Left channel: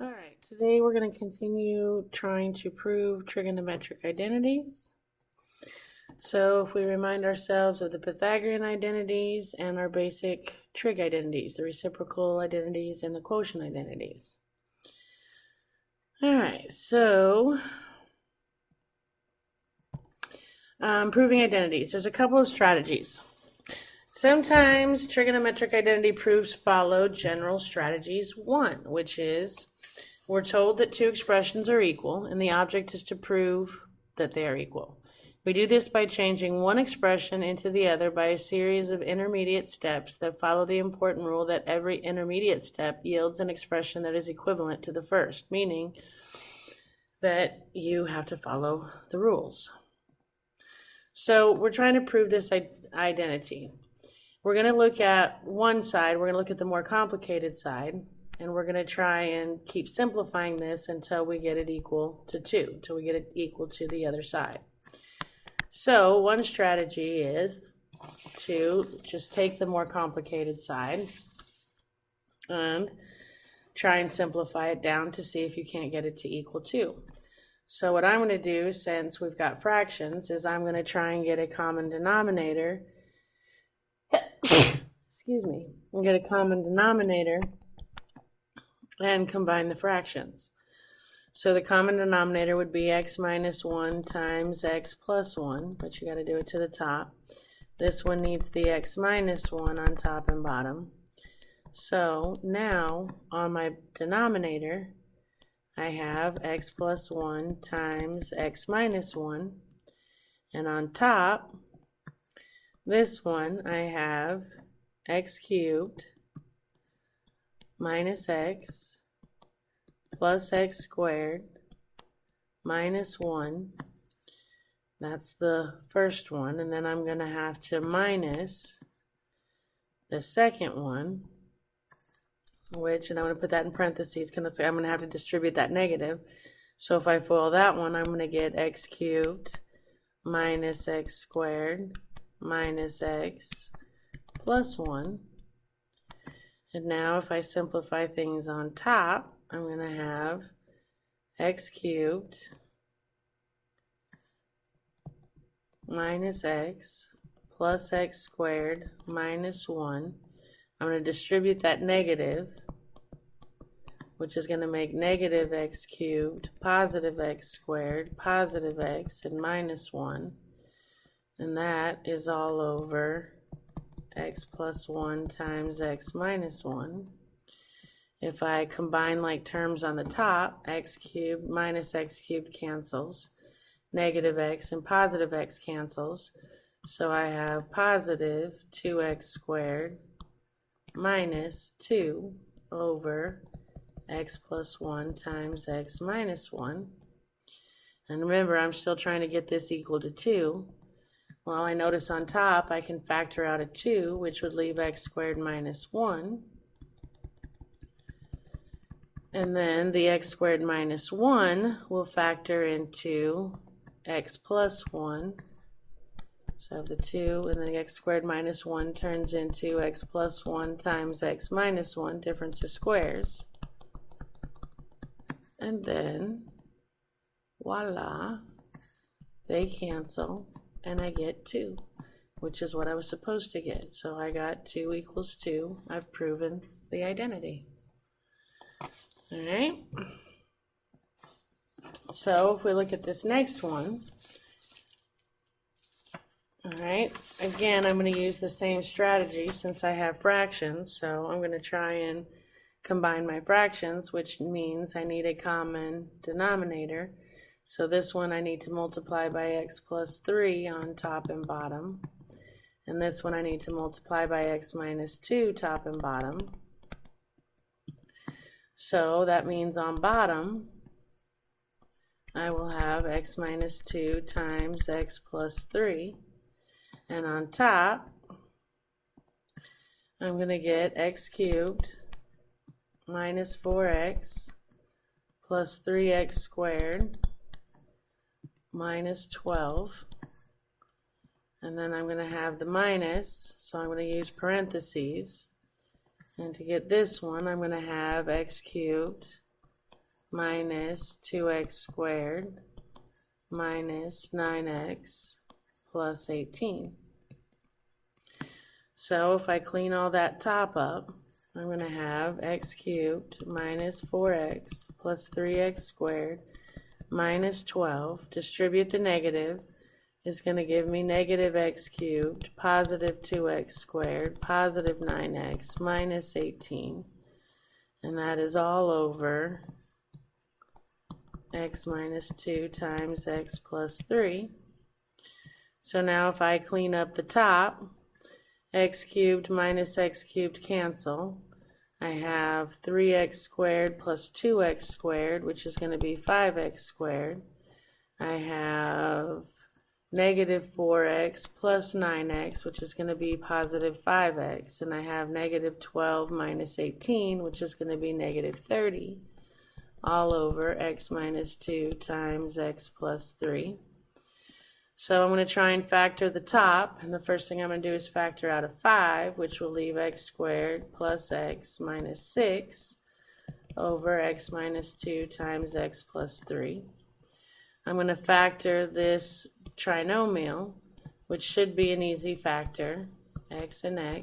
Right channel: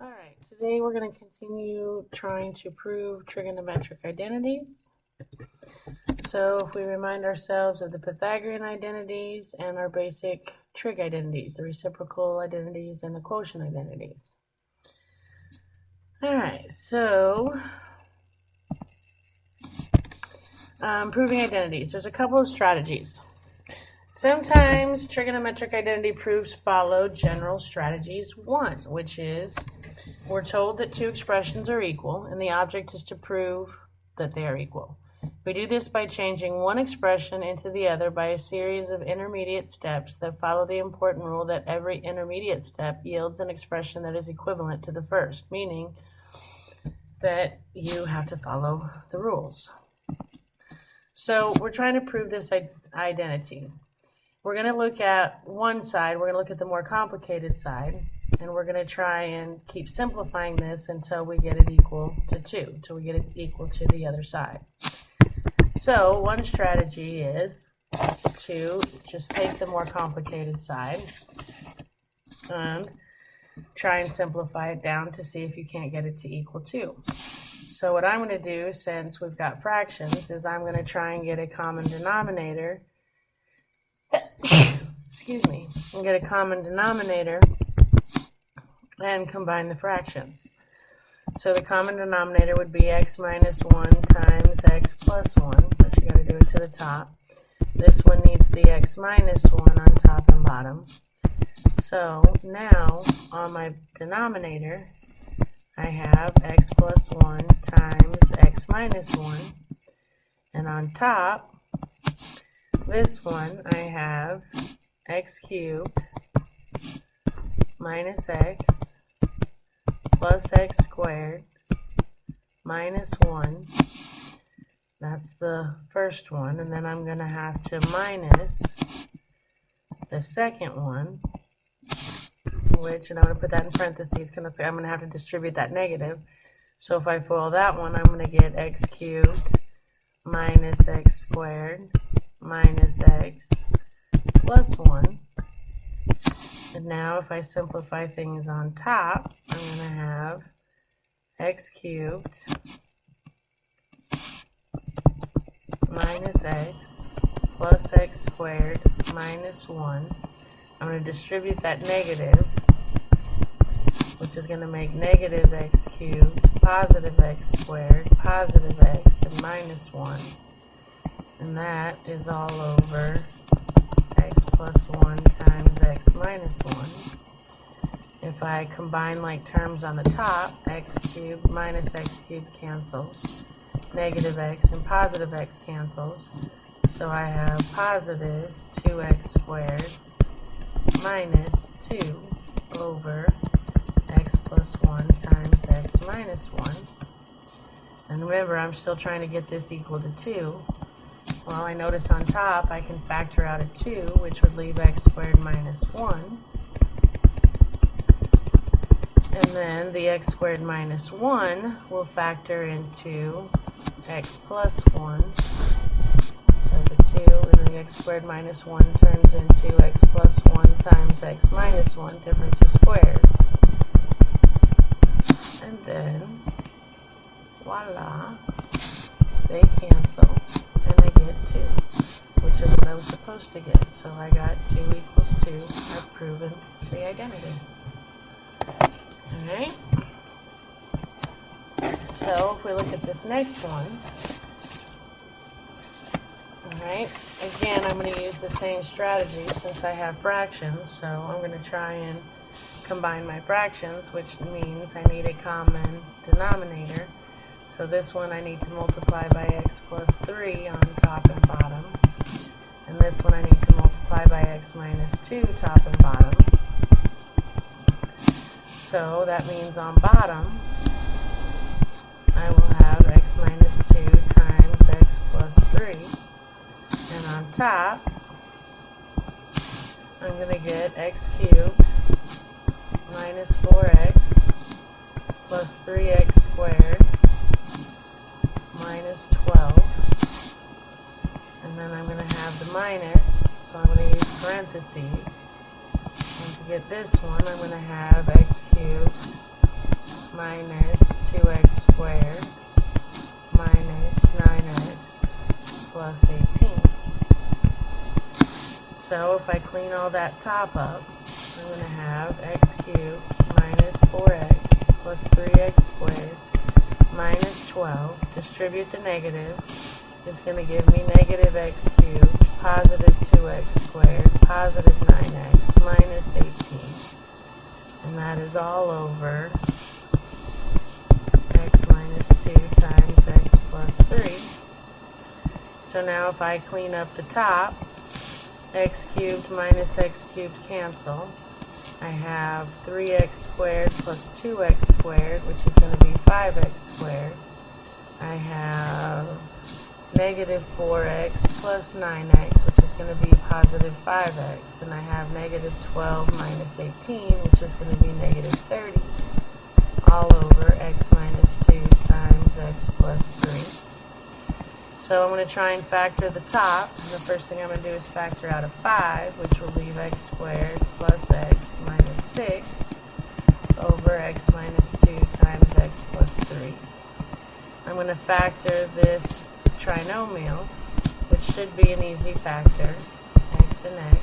Alright, today we're going to continue trying to prove trigonometric identities. So if we remind ourselves of the Pythagorean identities and our basic trig identities, the reciprocal identities and the quotient identities. Alright, so proving identities. There's a couple of strategies. Sometimes trigonometric identity proofs follow general strategies 1, which is we're told that two expressions are equal, and the object is to prove that they are equal. We do this by changing one expression into the other by a series of intermediate steps that follow the important rule that every intermediate step yields an expression that is equivalent to the first, meaning that you have to follow the rules. So we're trying to prove this identity. We're going to look at one side, we're going to look at the more complicated side, and we're going to try and keep simplifying this until we get it equal to 2, until we get it equal to the other side. So one strategy is to just take the more complicated side and try and simplify it down to see if you can't get it to equal 2. So what I'm going to do, since we've got fractions, is I'm going to try and get a common denominator. Excuse me. And get a common denominator and combine the fractions. So the common denominator would be x minus 1 times x plus 1, but you got to do it to the top. This one needs the x minus 1 on top and bottom. So now on my denominator, I have x plus 1 times x minus 1, and on top, this one I have x cubed minus x plus x squared minus 1. That's the first one, and then I'm going to have to minus the second one, which, and I'm going to put that in parentheses because I'm going to have to distribute that negative. So if I FOIL that one, I'm going to get x cubed minus x squared minus x plus 1. And now if I simplify things on top, I'm going to have x cubed minus x plus x squared minus 1. I'm going to distribute that negative, which is going to make negative x cubed, positive x squared, positive x, and minus 1. And that is all over x plus 1 times x minus 1. If I combine like terms on the top, x cubed minus x cubed cancels. Negative x and positive x cancels. So I have positive 2x squared minus 2 over x plus 1 times x minus 1. And remember, I'm still trying to get this equal to 2. Well, I notice on top I can factor out a 2, which would leave x squared minus 1. And then the x squared minus 1 will factor into x plus 1. So the 2 and the x squared minus 1 turns into x plus 1 times x minus 1, difference of squares. And then, voila, they cancel. And I get 2, which is what I was supposed to get. So I got 2 equals 2. I've proven the identity. Alright. So if we look at this next one, alright, again I'm going to use the same strategy since I have fractions. So I'm going to try and combine my fractions, which means I need a common denominator. So this one I need to multiply by x plus 3 on top and bottom. And this one I need to multiply by x minus 2 top and bottom. So that means on bottom, I will have x minus 2 times x plus 3. And on top, I'm going to get x cubed minus 4x plus 3x squared minus 12, and then I'm going to have the minus, so I'm going to use parentheses, and to get this one I'm going to have x cubed minus 2x squared minus 9x plus 18. So if I clean all that top up, I'm going to have x cubed minus 4x plus 3x squared minus 12. Distribute the negative is going to give me negative x cubed, positive 2x squared, positive 9x minus 18. And that is all over x minus 2 times x plus 3. So now if I clean up the top, x cubed minus x cubed cancel. I have 3x squared plus 2x squared, which is going to be 5x squared. I have negative 4x plus 9x, which is going to be positive 5x. And I have negative 12 minus 18, which is going to be negative 30, all over x minus 2 times x plus 3. So I'm going to try and factor the top, and the first thing I'm going to do is factor out a 5, which will leave x squared plus x minus 6 over x minus 2 times x plus 3. I'm going to factor this trinomial, which should be an easy factor, x and x.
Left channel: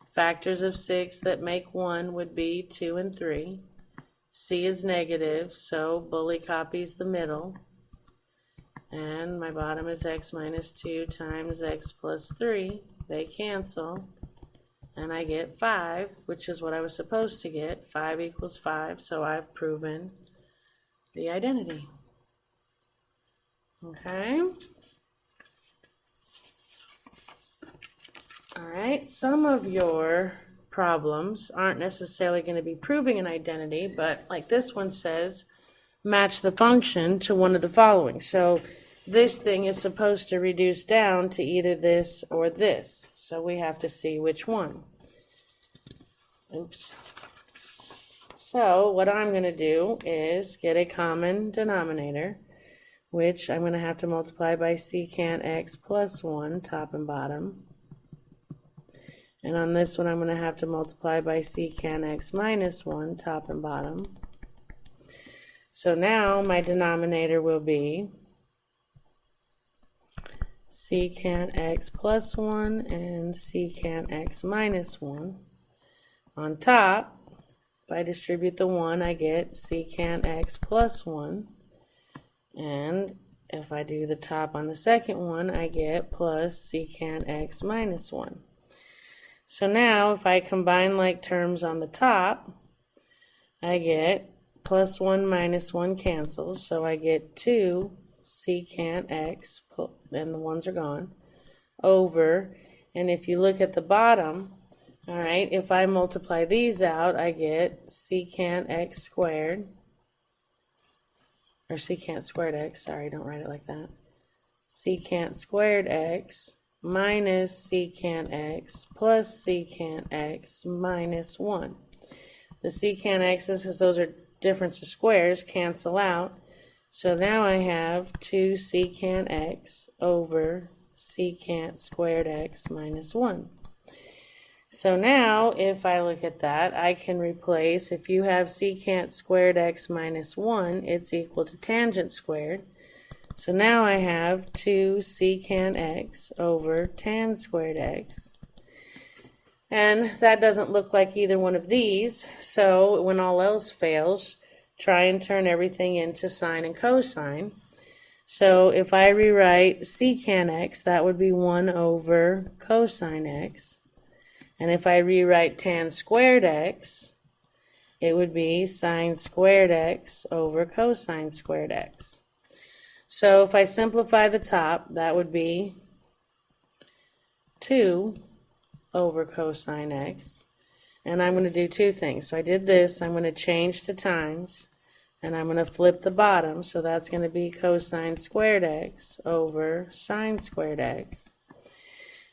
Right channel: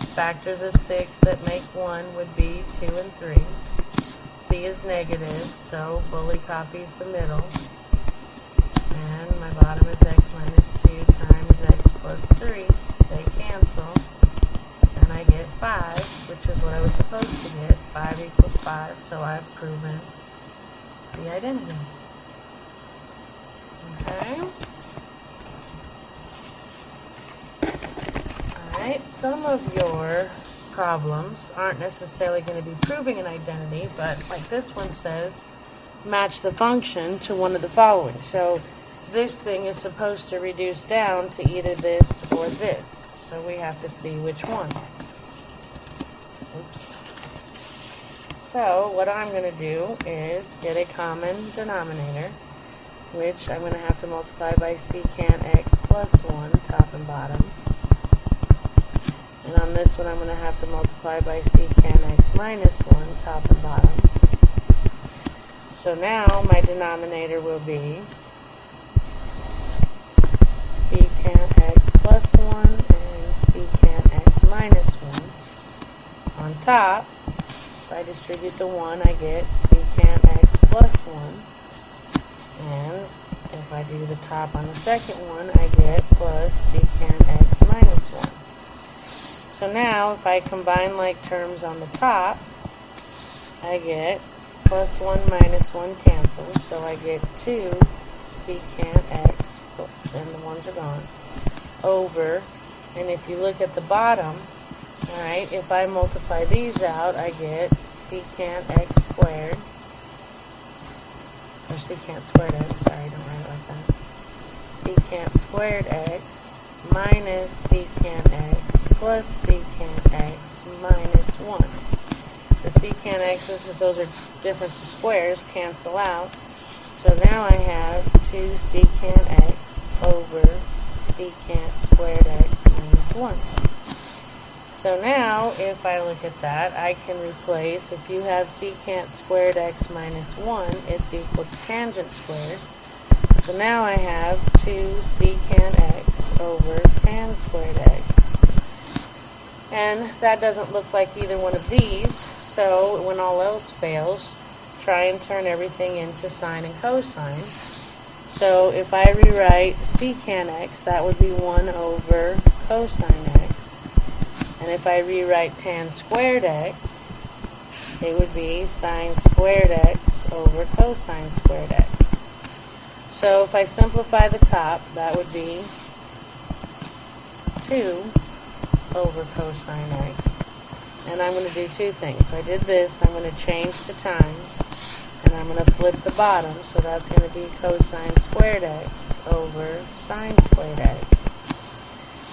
Factors of 6 that make 1 would be 2 and 3. C is negative, so bully copies the middle. And my bottom is x minus 2 times x plus 3. They cancel. And I get 5, which is what I was supposed to get. 5 equals 5, so I've proven the identity. Okay? Alright, some of your problems aren't necessarily going to be proving an identity, but like this one says, match the function to one of the following. So this thing is supposed to reduce down to either this or this. So we have to see which one. Oops. So what I'm going to do is get a common denominator, which I'm going to have to multiply by secant x plus 1, top and bottom. And on this one I'm going to have to multiply by secant x minus 1, top and bottom. So now my denominator will be secant x plus 1 and secant x minus 1. On top, if I distribute the 1, I get secant x plus 1. And if I do the top on the second one, I get plus secant x minus 1. So now, if I combine like terms on the top, I get plus 1 minus 1 cancels, so I get 2 secant x, and the ones are gone, over, and if you look at the bottom, alright, if I multiply these out, I get secant x squared, or secant squared x, sorry, don't write it like that, secant squared x minus secant x plus secant x minus 1. The secant x's, because those are difference of squares, cancel out. So now I have 2 secant x over secant squared x minus 1. So now, if I look at that, I can replace, if you have secant squared x minus 1, it's equal to tangent squared. So now I have 2 secant x over tan squared x. And that doesn't look like either one of these, so when all else fails, try and turn everything into sine and cosine. So if I rewrite secant x, that would be 1 over cosine x. And if I rewrite tan squared x, it would be sine squared x over cosine squared x. So if I simplify the top, that would be 2 over cosine x. And I'm going to do two things. So I did this, I'm going to change the times, and I'm going to flip the bottom, so that's going to be cosine squared x over sine squared x.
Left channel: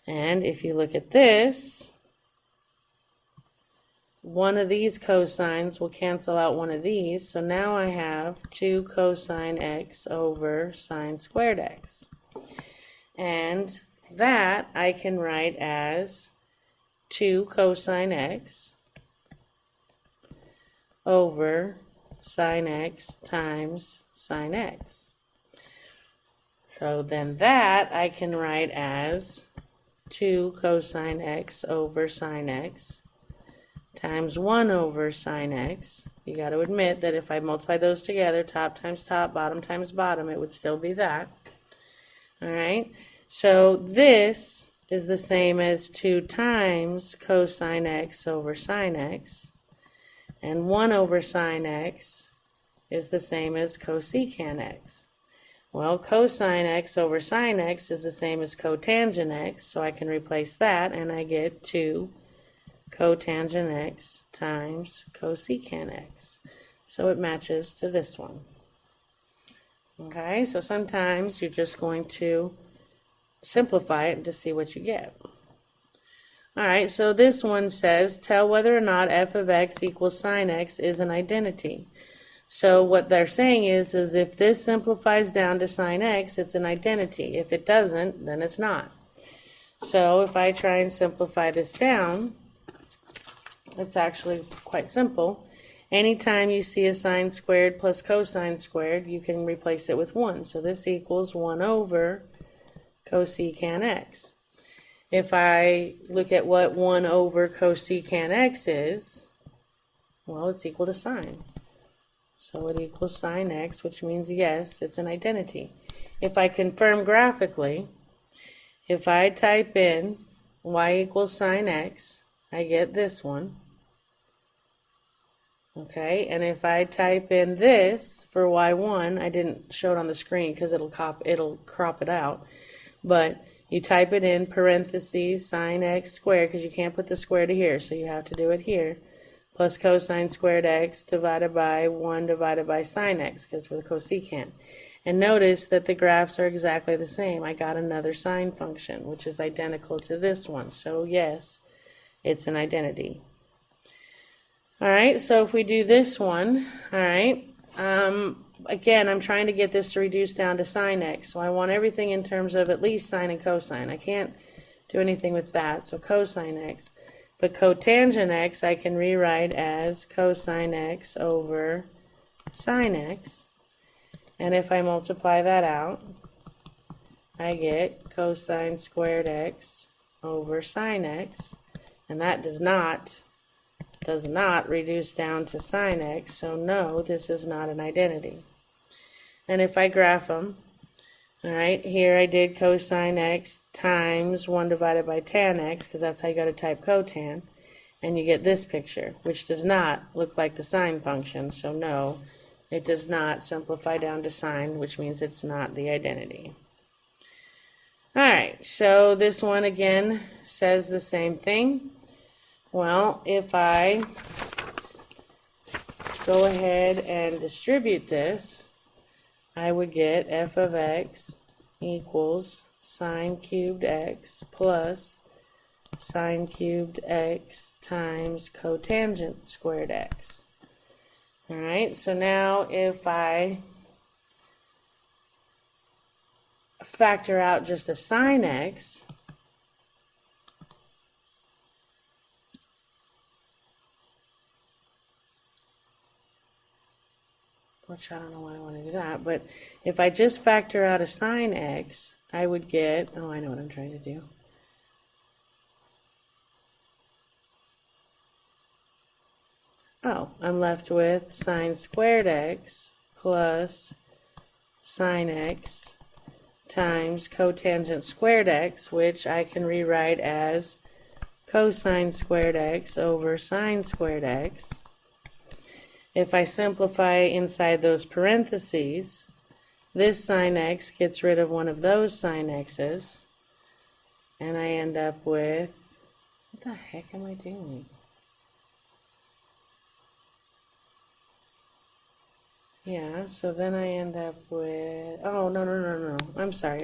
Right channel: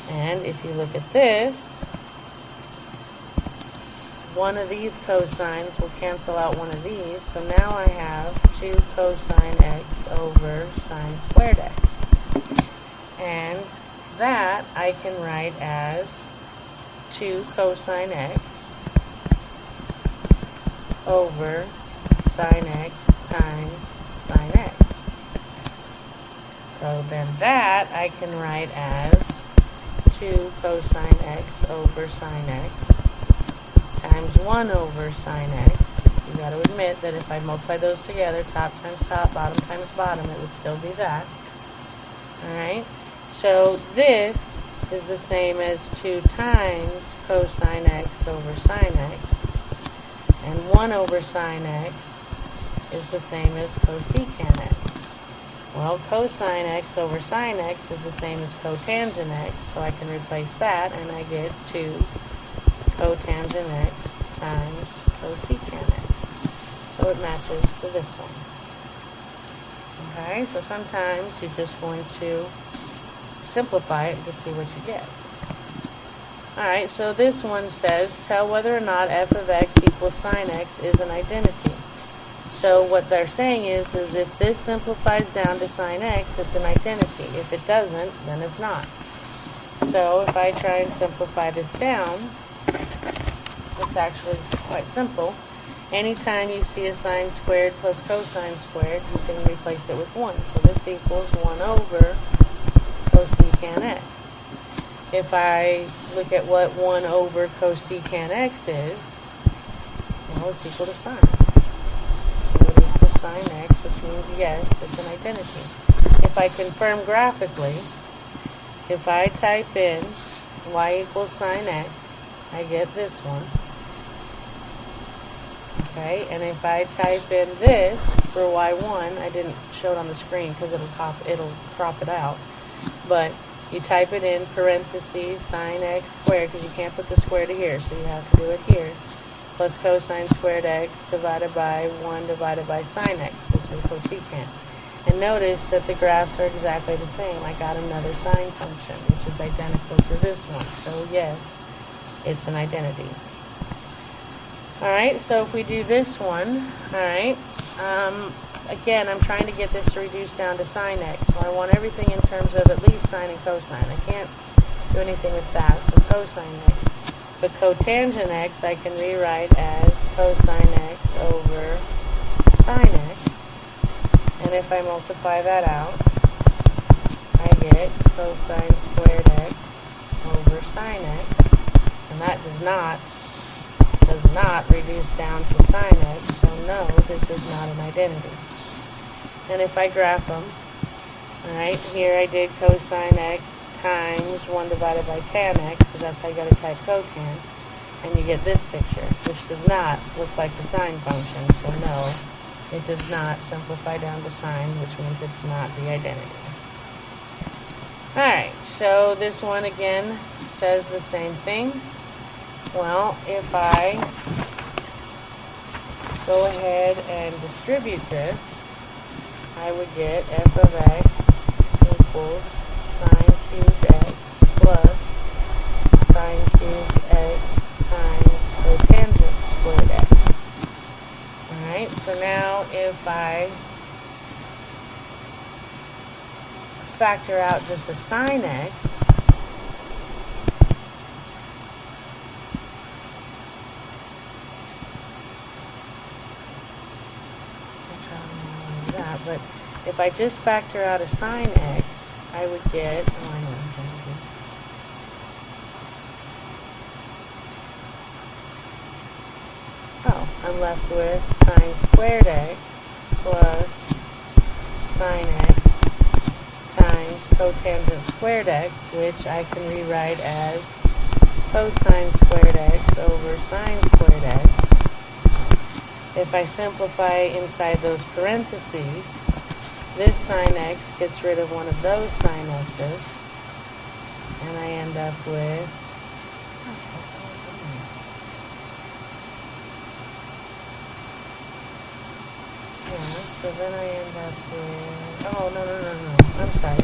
And if you look at this, one of these cosines will cancel out one of these, so now I have 2 cosine x over sine squared x. And that I can write as 2 cosine x over cosine x times sine x. So then that I can write as 2 cosine x over sine x times 1 over sine x. You got to admit that if I multiply those together, top times top, bottom times bottom, it would still be that. Alright, so this is the same as 2 times cosine x over sine x, and 1 over sine x is the same as cosecant x. Well, cosine x over sine x is the same as cotangent x, so I can replace that, and I get 2 cotangent x times cosecant x. So it matches to this one. Okay, so sometimes you're just going to simplify it to see what you get. Alright, so this one says, tell whether or not f of x equals sine x is an identity. So what they're saying is if this simplifies down to sine x, it's an identity. If it doesn't, then it's not. So if I try and simplify this down, it's actually quite simple. Anytime you see a sine squared plus cosine squared, you can replace it with 1. So this equals 1 over cosecant x. If I look at what 1 over cosecant x is, well, it's equal to sine. So it equals sine x, which means yes, it's an identity. If I confirm graphically, if I type in y equals sine x, I get this one. Okay, and if I type in this for y1, I didn't show it on the screen because it'll crop it out, but you type it in parentheses sine x squared, because you can't put the square to here, so you have to do it here, plus cosine squared x divided by 1 divided by sine x, because we're cosecant. And notice that the graphs are exactly the same. I got another sine function, which is identical to this one. So yes, it's an identity. Alright, so if we do this one, alright, again, I'm trying to get this to reduce down to sine x, so I want everything in terms of at least sine and cosine. I can't do anything with that, so cosine x. But cotangent x I can rewrite as cosine x over sine x, and if I multiply that out, I get cosine squared x over sine x, and that does not reduce down to sine x, so no, this is not an identity. And if I graph them, alright, here I did cosine x times 1 divided by tan x, because that's how you got to type cotan, and you get this picture, which does not look like the sine function, so no, it does not simplify down to sine, which means it's not the identity. Alright, so this one again says the same thing. Well, if I go ahead and distribute this, I would get f of x equals sine cubed x plus sine cubed x times cotangent squared x. Alright, so now if I factor out just a sine x, which I don't know why I want to do that, but if I just factor out a sine x, I would get, oh, I know what I'm trying to do. Oh, I'm left with sine squared x plus sine x times cotangent squared x, which I can rewrite as cosine squared x over sine squared x. If I simplify inside those parentheses, this sine x gets rid of one of those sine x's, and I end up with, what the heck am I doing? Yeah, so then I end up with, oh, no. I'm sorry.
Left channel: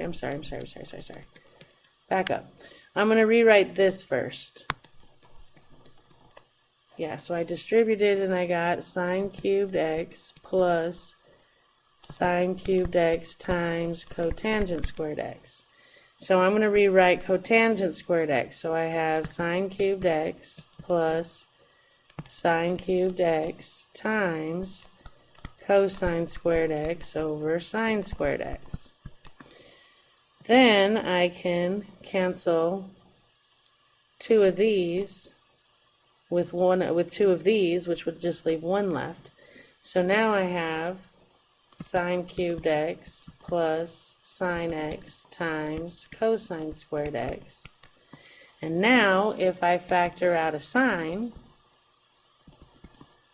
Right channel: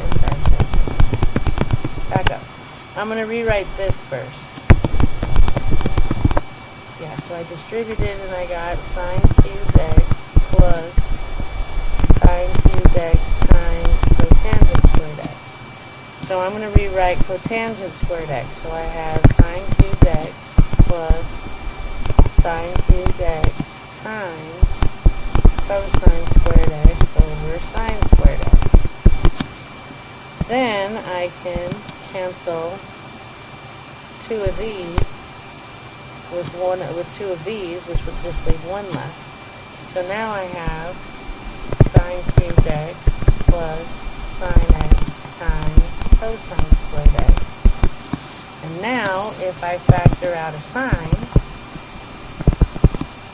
Back up. I'm going to rewrite this first. Yeah, so I distributed and I got sine cubed x plus sine cubed x times cotangent squared x. So I'm going to rewrite cotangent squared x. So I have sine cubed x plus sine cubed x times cosine squared x over sine squared x. Then I can cancel two of these with two of these, which would just leave one left. So now I have sine cubed x plus sine x times cosine squared x. And now, if I factor out a sine,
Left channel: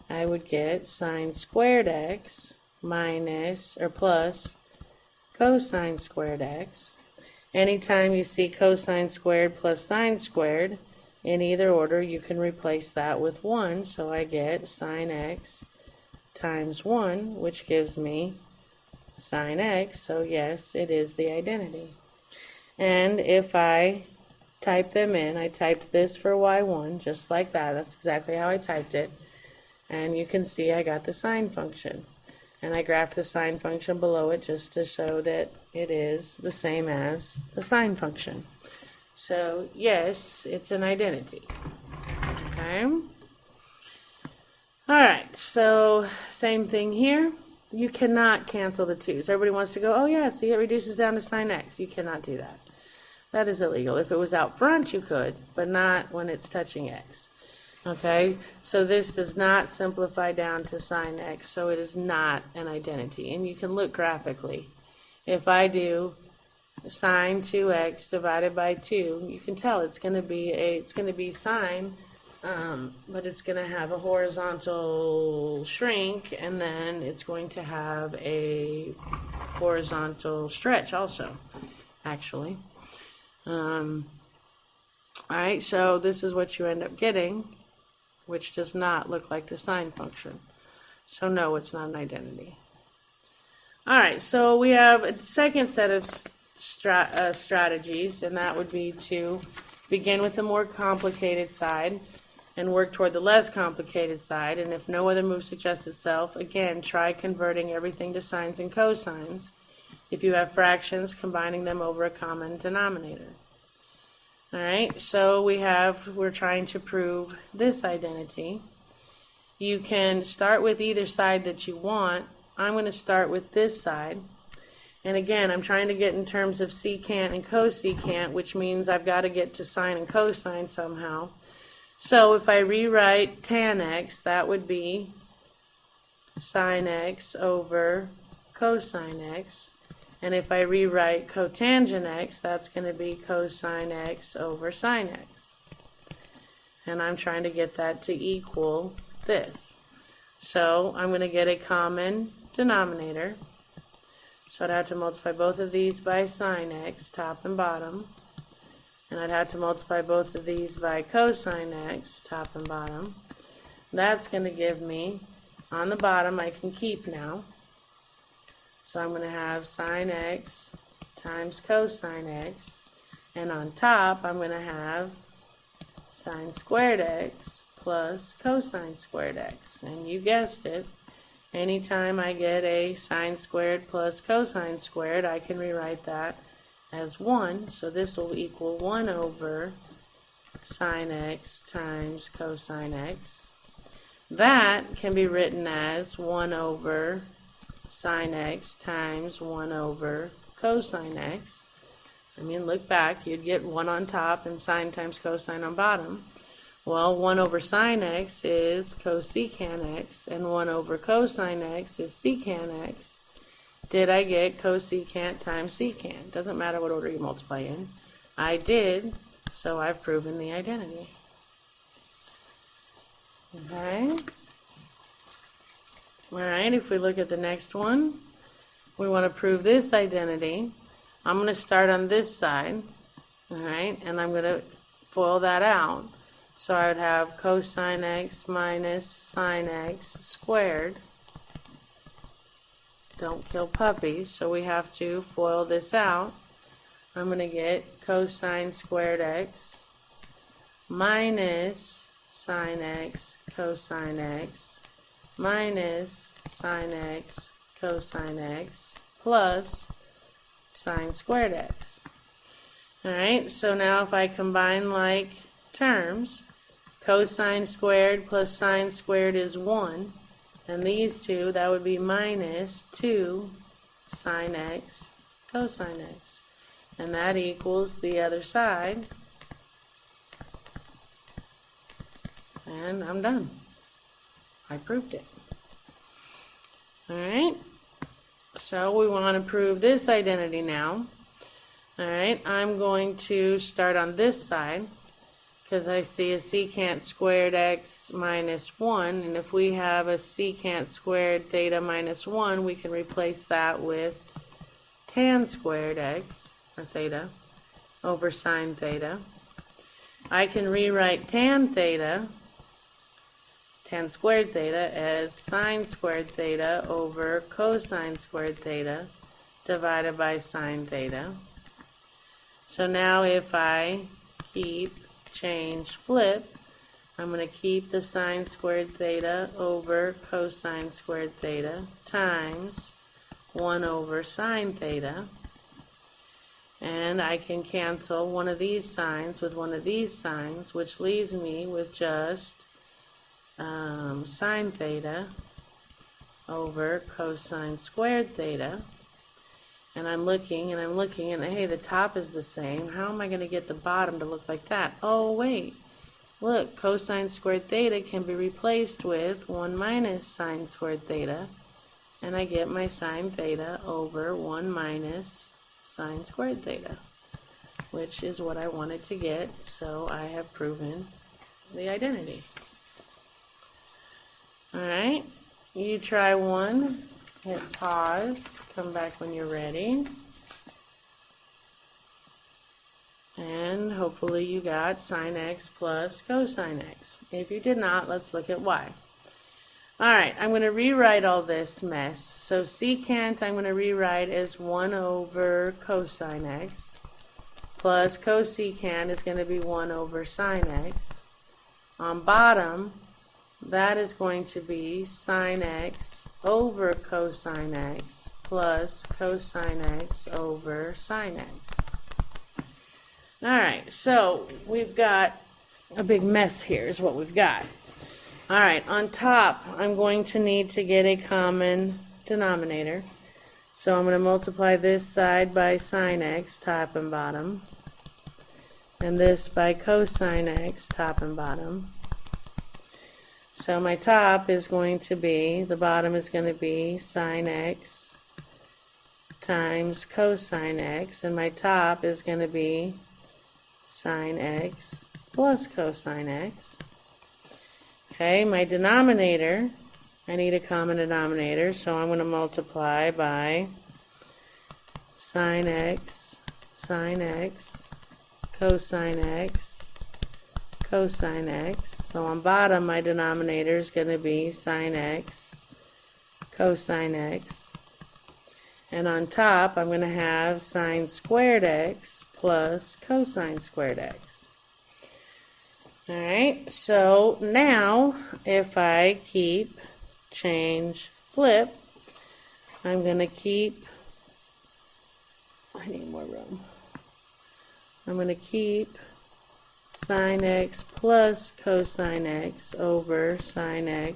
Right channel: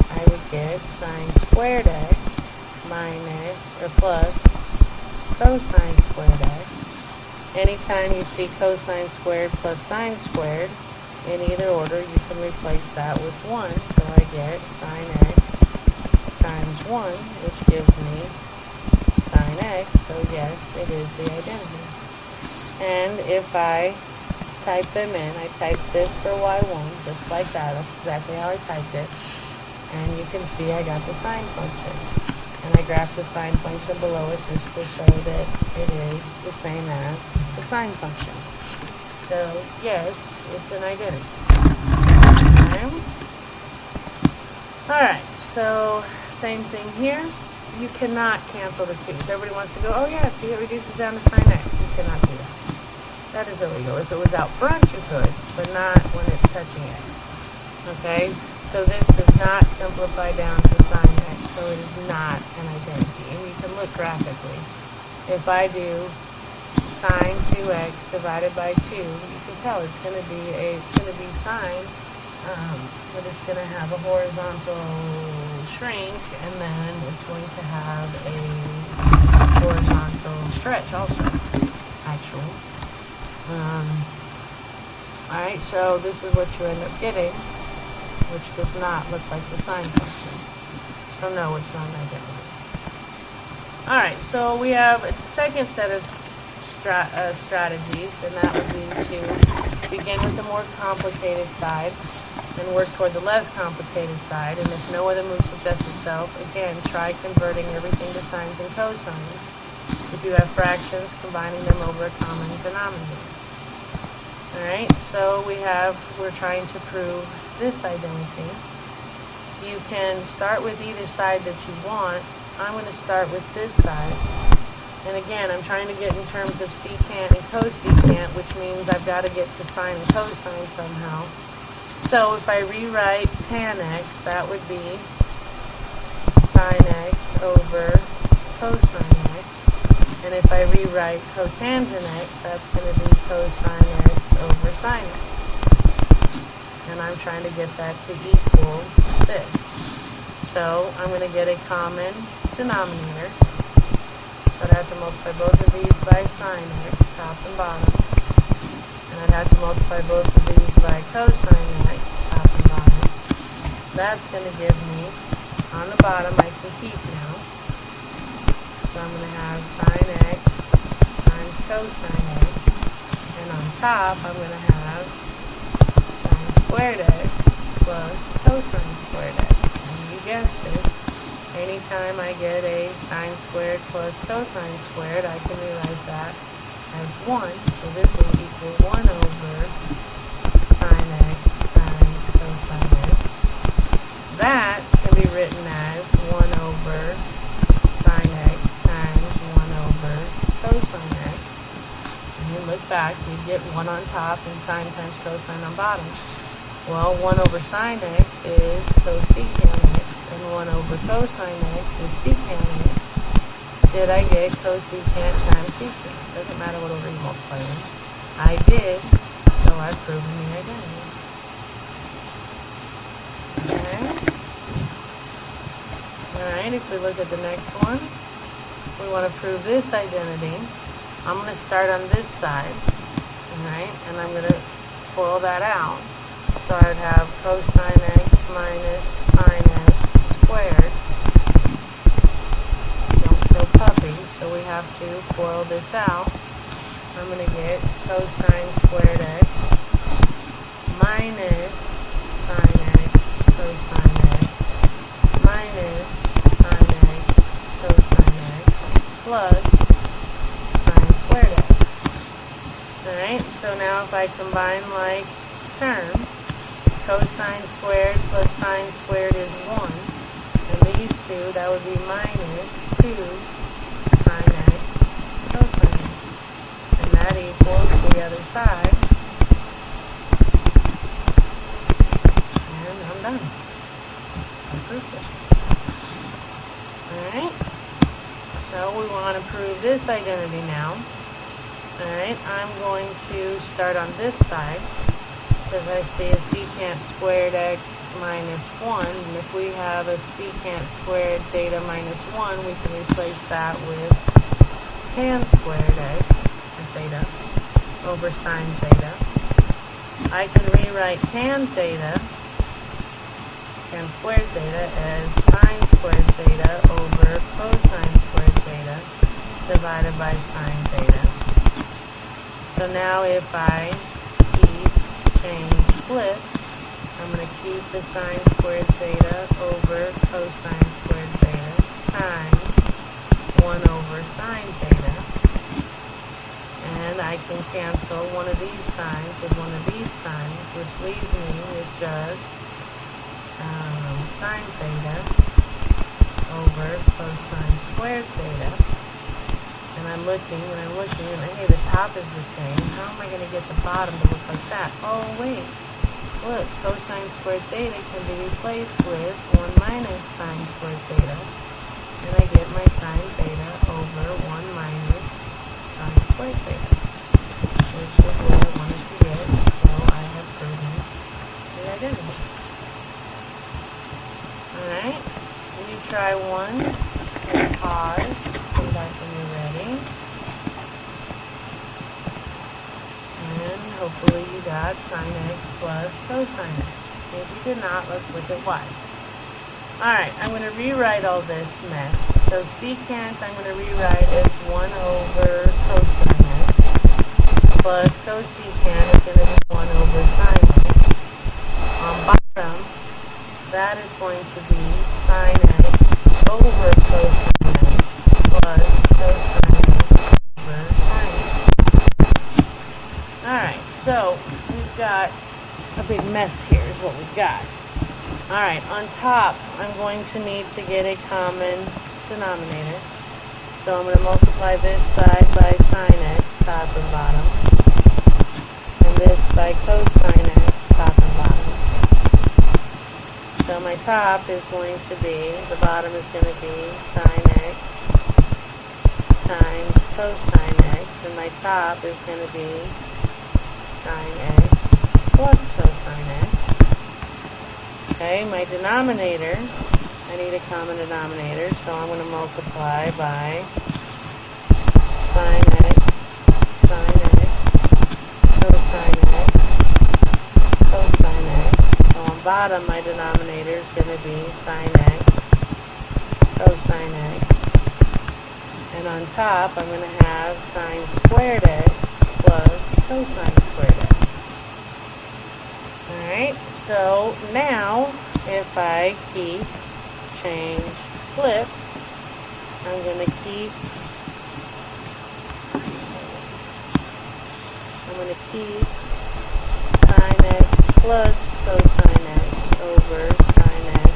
I would get sine squared x minus, or plus, cosine squared x. Anytime you see cosine squared plus sine squared, in either order, you can replace that with 1. So I get sine x times 1, which gives me sine x. So yes, it is the identity. And if I type them in, I typed this for y1, just like that. That's exactly how I typed it. And you can see I got the sine function. And I graphed the sine function below it just to show that it is the same as the sine function. So, yes, it's an identity. Okay. Alright, so same thing here. You cannot cancel the 2's. Everybody wants to go, oh yeah, see, it reduces down to sine x. You cannot do that. That is illegal. If it was out front, you could, but not when it's touching x. Okay, so this does not simplify down to sine x, so it is not an identity. And you can look graphically. If I do sine 2x divided by 2, you can tell it's going to be sine, but it's going to have a horizontal shrink, and then it's going to have a horizontal stretch also, actually. Alright, so this is what you end up getting, which does not look like the sine function. So no, it's not an identity. Alright, so we have a second set of strategies, and that would be to begin with the more complicated side and work toward the less complicated side. And if no other move suggests itself, again, try converting everything to sines and cosines. If you have fractions, combining them over a common denominator. Alright, so we're trying to prove this identity. You can start with either side that you want. I'm going to start with this side. And again, I'm trying to get in terms of secant and cosecant, which means I've got to get to sine and cosine somehow. So if I rewrite tan x, that would be sine x over cosine x. And if I rewrite cotangent x, that's going to be cosine x over sine x. And I'm trying to get that to equal this. So I'm going to get a common denominator. So I'd have to multiply both of these by sine x, top and bottom. And I'd have to multiply both of these by cosine x, top and bottom. That's going to give me, on the bottom, I can keep now. So I'm going to have sine x times cosine x. And on top, I'm going to have sine squared x plus cosine squared x. And you guessed it. Anytime I get a sine squared plus cosine squared, I can rewrite that as 1. So this will equal 1 over sine x times cosine x. That can be written as 1 over sine x times 1 over cosine x. And you look back, you'd get 1 on top and sine times cosine on bottom. Well, 1 over sine x is cosecant x, and 1 over cosine x is secant x. Did I get cosecant times secant? Doesn't matter what order you multiply in. I did, so I've proven the identity. Okay. Alright, if we look at the next one, we want to prove this identity. I'm going to start on this side, alright, and I'm going to FOIL that out. So I would have cosine x minus sine x squared. Don't kill puppies, so we have to FOIL this out. I'm going to get cosine squared x minus sine x cosine x minus sine x cosine x plus sine squared x. Alright, so now if I combine like terms, cosine squared plus sine squared is 1, And these two, that would be minus 2 sine x cosine x. And that equals the other side. And I'm done. I proved it. Alright. So we want to prove this identity now. Alright, I'm going to start on this side because I see a secant squared x minus 1, and if we have a secant squared theta minus 1, we can replace that with tan squared x, or theta, over sine theta. I can rewrite tan squared theta as sine squared theta over cosine squared theta divided by sine theta. So now if I flip, I'm going to keep the sine squared theta over cosine squared theta times 1 over sine theta. And I can cancel one of these signs with one of these signs, which leaves me with just sine theta over cosine squared theta. And I'm looking, and hey, the top is the same. How am I going to get the bottom to look like that? Oh, wait. Look, cosine squared theta can be replaced with 1 minus sine squared theta. And I get my sine theta over 1 minus sine squared theta, which is what I wanted to get, so I have proven the identity. Alright, you try one, hit pause, come back when you're ready, and hopefully you got sine x plus cosine x. If you did not, let's look at y. Alright, I'm going to rewrite all this mess. So secant I'm going to rewrite as 1 over cosine x, plus cosecant is going to be 1 over sine x. On bottom, that is going to be sine x over cosine x plus cosine x over sine x. Alright, so we've got a big mess here is what we've got. Alright, on top, I'm going to need to get a common denominator. So I'm going to multiply this side by sine x, top and bottom, and this by cosine x, top and bottom. So my top is going to be, the bottom is going to be sine x times cosine x, and my top is going to be sine x plus cosine x. Okay, my denominator, I need a common denominator, so I'm going to multiply by sine x, cosine x, cosine x. So on bottom, my denominator is going to be sine x, cosine x. And on top, I'm going to have sine squared x plus cosine squared x. Alright, so now if I keep, change, flip, I'm going to keep sine x plus cosine x over sine x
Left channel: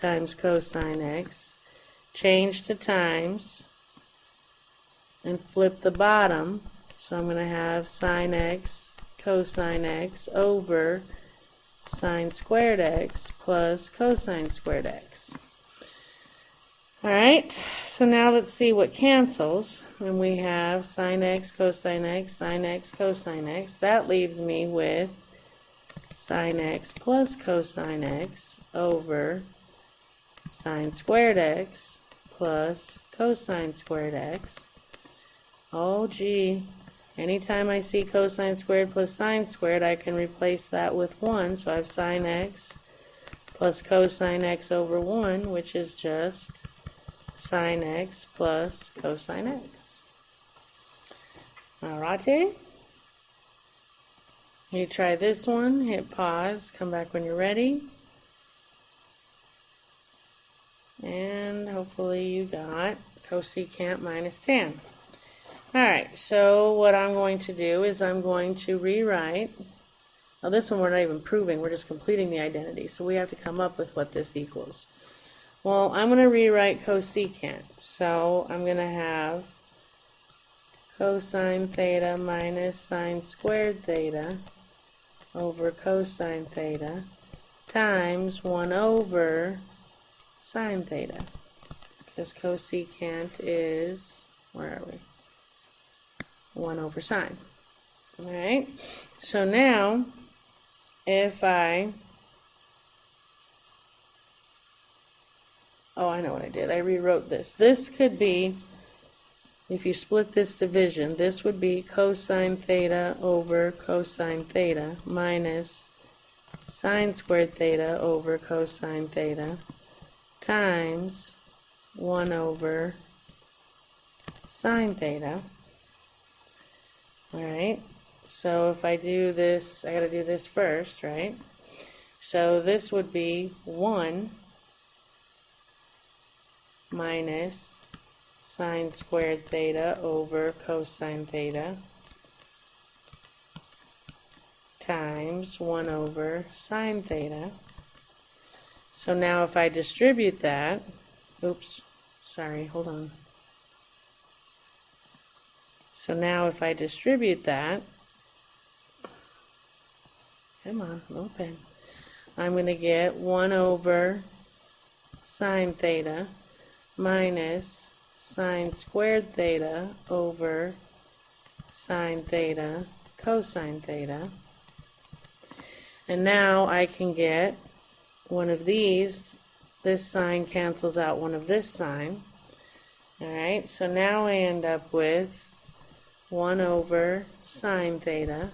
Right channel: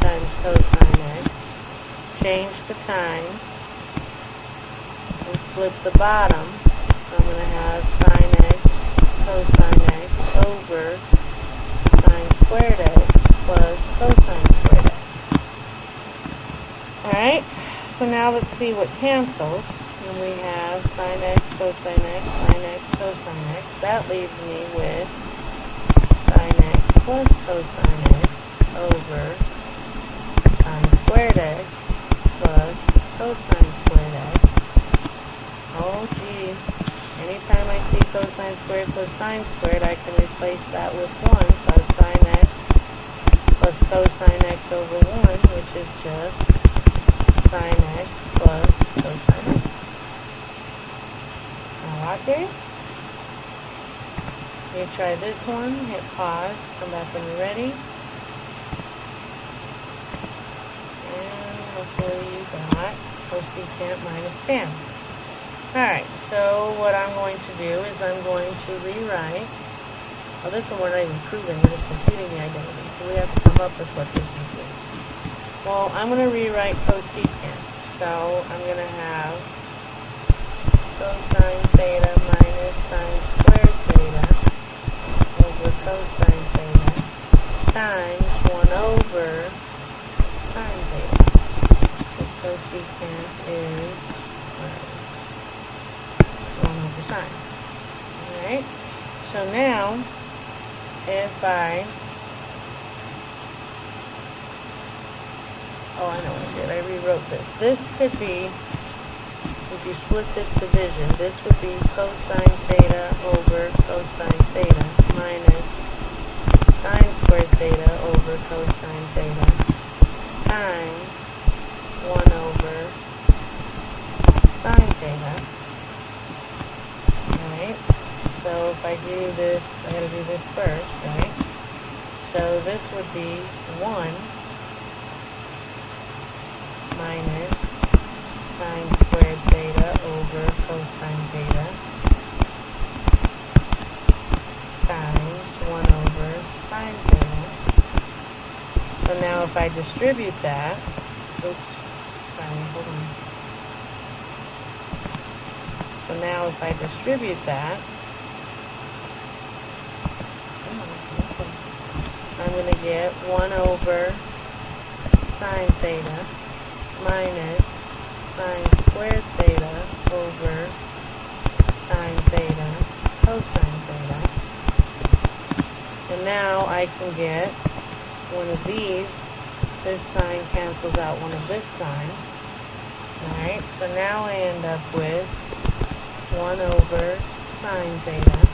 times cosine x, change to times, and flip the bottom, so I'm going to have sine x cosine x over sine squared x plus cosine squared x. Alright, so now let's see what cancels. And we have sine x cosine x, sine x cosine x. That leaves me with sine x plus cosine x over sine squared x plus cosine squared x. Oh gee. Anytime I see cosine squared plus sine squared, I can replace that with 1. So I have sine x plus cosine x over 1, which is just sine x plus cosine x. Alrighty. You try this one, hit pause, come back when you're ready. And hopefully you got cosecant minus tan. Alright, so what I'm going to do is I'm going to rewrite, well this one we're not even proving, we're just computing the identity, so we have to come up with what this equals. Well, I'm going to rewrite cosecant. So I'm going to have cosine theta minus sine squared theta over cosine theta times 1 over sine theta. This cosecant is, where are we? 1 over sine. Alright? So now, if I, oh, I know what I did. I rewrote this. This could be, if you split this division, this would be cosine theta over cosine theta minus sine squared theta over cosine theta times 1 over sine theta. Alright, so if I do this, I gotta do this first, right? So this would be 1 minus sine squared theta over cosine theta times 1 over sine theta. So now if I distribute that, oops, sorry, hold on. So now if I distribute that, come on, okay, I'm going to get 1 over sine theta minus sine squared theta over sine theta cosine theta. And now I can get one of these. This sign cancels out one of this sign. Alright, so now I end up with 1 over sine theta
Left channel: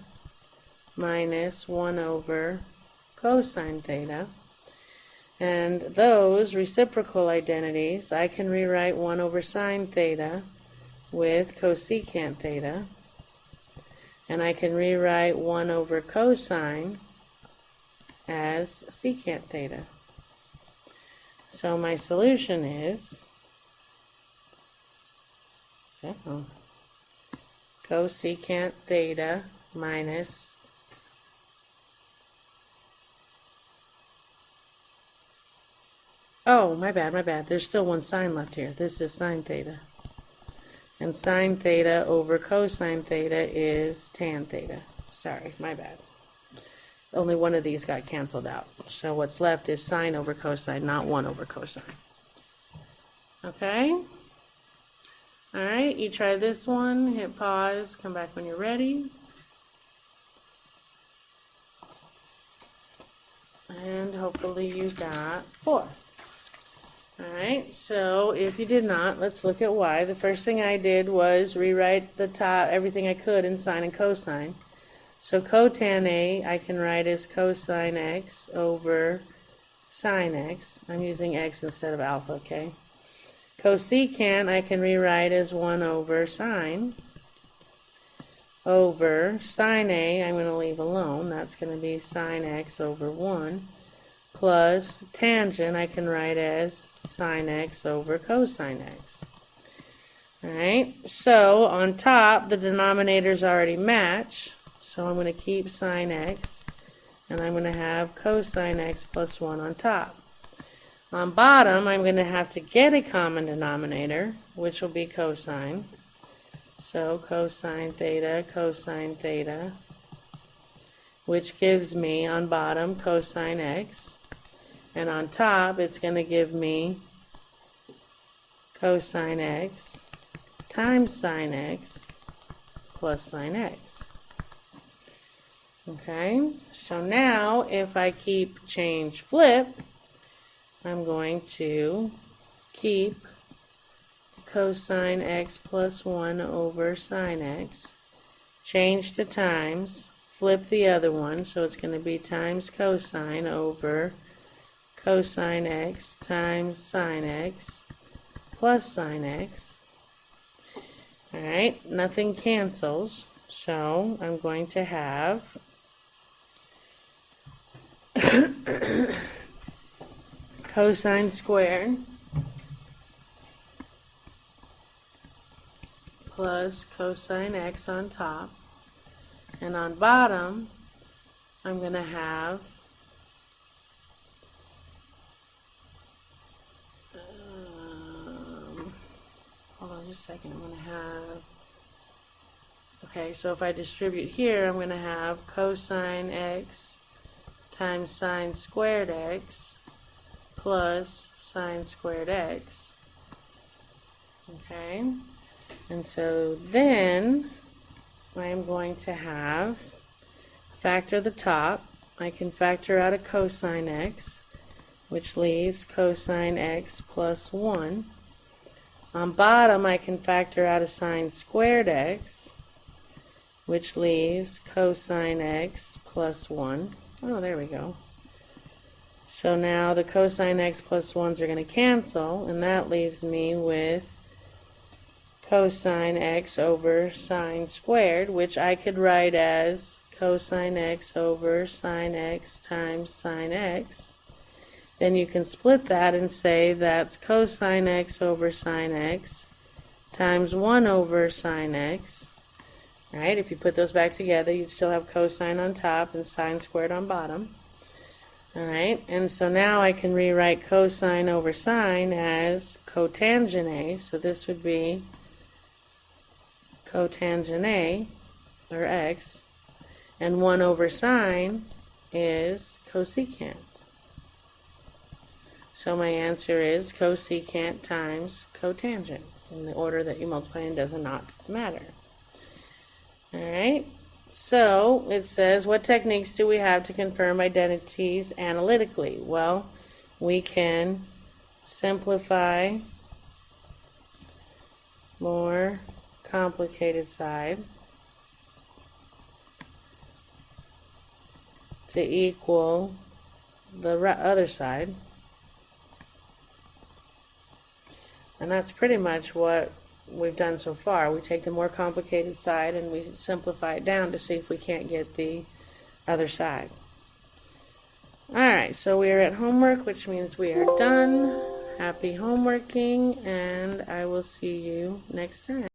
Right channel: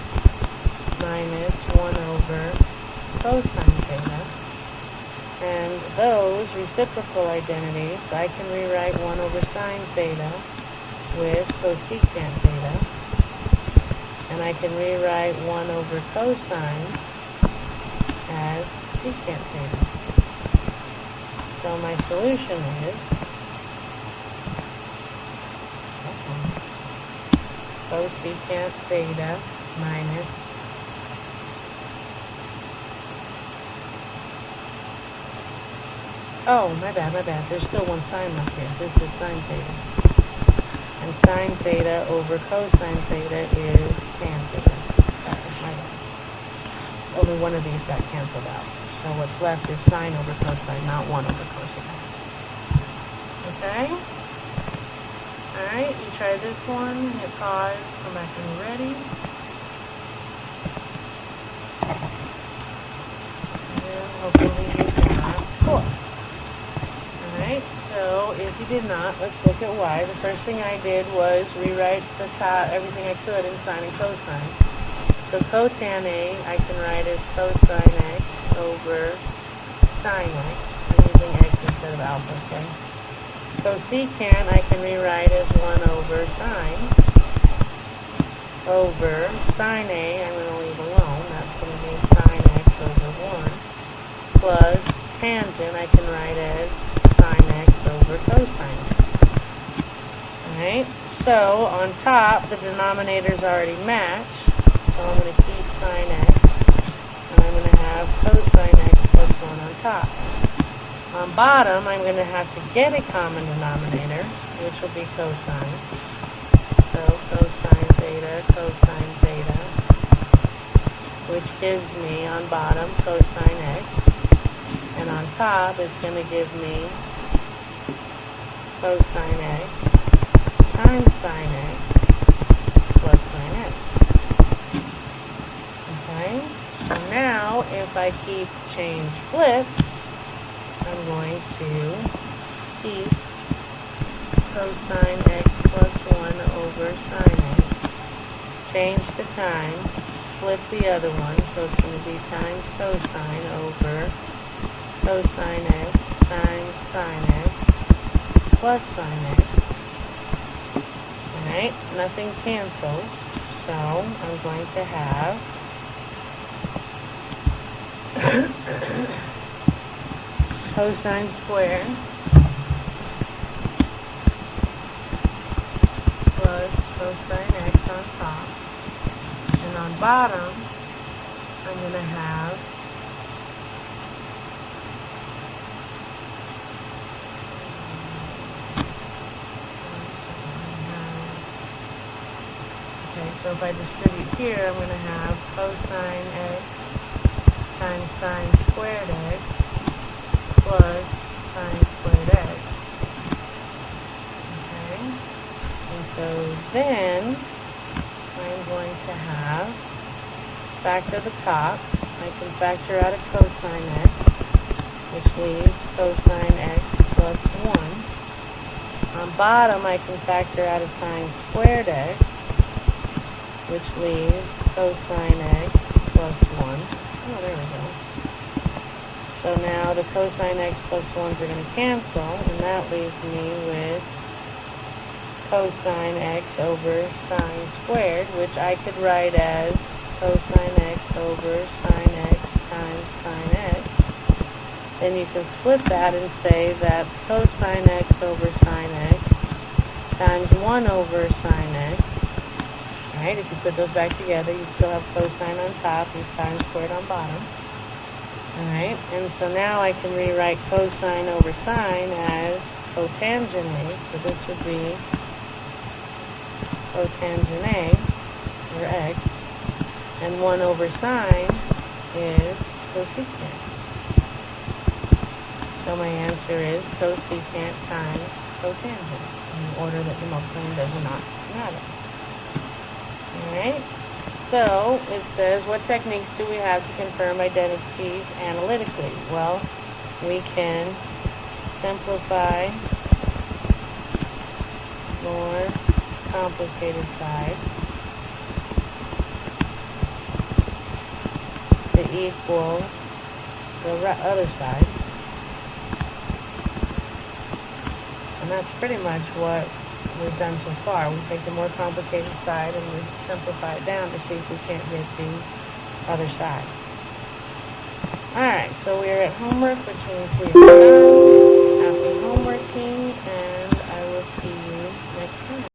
minus 1 over cosine theta. And those reciprocal identities, I can rewrite 1 over sine theta with cosecant theta. And I can rewrite 1 over cosine as secant theta. So my solution is cosecant theta minus my bad. There's still one sign left here. This is sine theta. And sine theta over cosine theta is tan theta. Sorry, my bad. Only one of these got canceled out. So what's left is sine over cosine, not 1 over cosine. Okay? Alright, you try this one, hit pause, come back when you're ready. And hopefully you got 4. Alright, so if you did not, let's look at why. The first thing I did was rewrite the top, everything I could in sine and cosine. So cotan A, I can write as cosine x over sine x. I'm using x instead of alpha, okay? Cosecant, I can rewrite as 1 over sine over sine A, I'm going to leave alone. That's going to be sine x over 1 plus tangent, I can write as sine x over cosine x. Alright, so on top, the denominators already match. So I'm going to keep sine x, and I'm going to have cosine x plus 1 on top. On bottom, I'm going to have to get a common denominator, which will be cosine. So cosine theta, which gives me on bottom cosine x. And on top, it's going to give me cosine x times sine x plus sine x. Okay, so now if I keep change flip, I'm going to keep cosine x plus 1 over sine x, change to times, flip the other one, so it's going to be times cosine over cosine x times sine x plus sine x. Alright, nothing cancels, so I'm going to have cosine squared plus cosine x on top, and on bottom I'm going to have Okay, so if I distribute here, I'm going to have cosine x times sine squared x plus sine squared x. Okay, and so then I'm going to have factor the top. I can factor out a cosine x, which leaves cosine x plus 1. On bottom, I can factor out a sine squared x, which leaves cosine x plus 1. Oh, there we go. So now the cosine x plus 1s are going to cancel, and that leaves me with cosine x over sine squared, which I could write as cosine x over sine x times sine x. Then you can split that and say that's cosine x over sine x times 1 over sine x. Alright, if you put those back together, you still have cosine on top and sine squared on bottom. Alright, and so now I can rewrite cosine over sine as cotangent A. So this would be cotangent A, or x, and 1 over sine is cosecant. So my answer is cosecant times cotangent. In the order that you multiply in does not matter. Alright, so it says, what techniques do we have to confirm identities analytically? Well, we can simplify more complicated side to equal the other side. And that's pretty much what we've done so far. We take the more complicated side and we simplify it down to see if we can't get the other side. Alright, so we are at homework, which means we are done. Happy homeworking, and I will see you next time.